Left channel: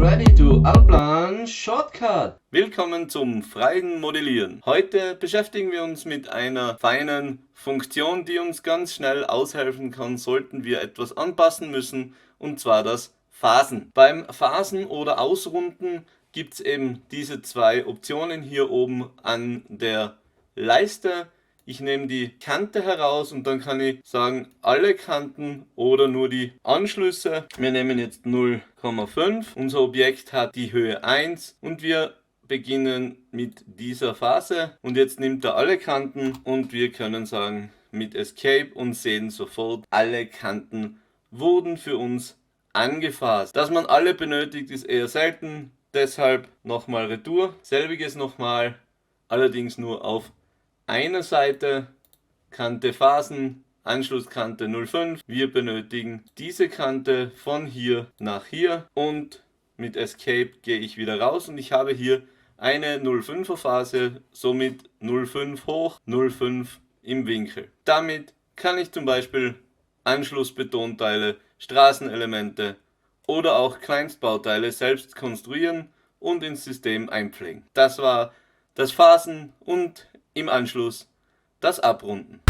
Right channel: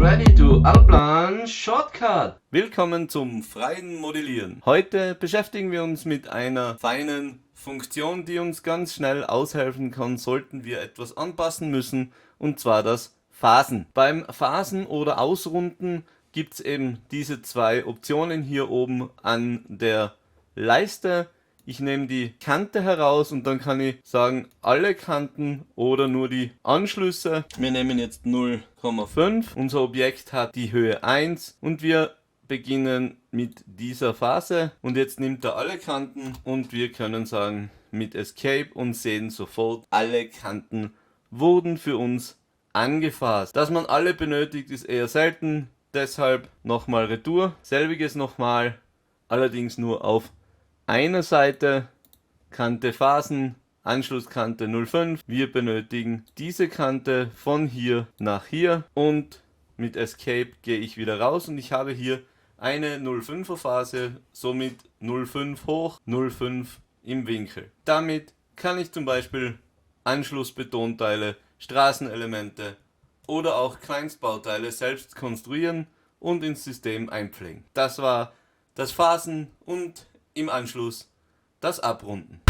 ready to outline shortcut. Willkommen zum freien Modellieren. Heute beschäftigen wir uns mit einer feinen Funktion, die uns ganz schnell aushelfen kann, sollten wir etwas anpassen müssen, und zwar das Phasen. Beim Phasen oder Ausrunden gibt es eben diese zwei Optionen hier oben an der Leiste. Ich nehme die Kante heraus und dann kann ich sagen, alle Kanten oder nur die Anschlüsse. Wir nehmen jetzt 0,5. Unser Objekt hat die Höhe 1 und wir beginnen mit dieser Phase. Und jetzt nimmt er alle Kanten und wir können sagen mit Escape und sehen sofort, alle Kanten wurden für uns angefasst. Dass man alle benötigt, ist eher selten. Deshalb nochmal Retour. Selbiges nochmal, allerdings nur auf einer Seite, Kante Phasen, Anschlusskante 0,5. Wir benötigen diese Kante von hier nach hier und mit Escape gehe ich wieder raus und ich habe hier eine 0,5er Phase, somit 0,5 hoch, 0,5 im Winkel. Damit kann ich zum Beispiel Anschlussbetonteile, Straßenelemente oder auch Kleinstbauteile selbst konstruieren und ins System einpflegen. Das war das Phasen und im Anschluss das Abrunden.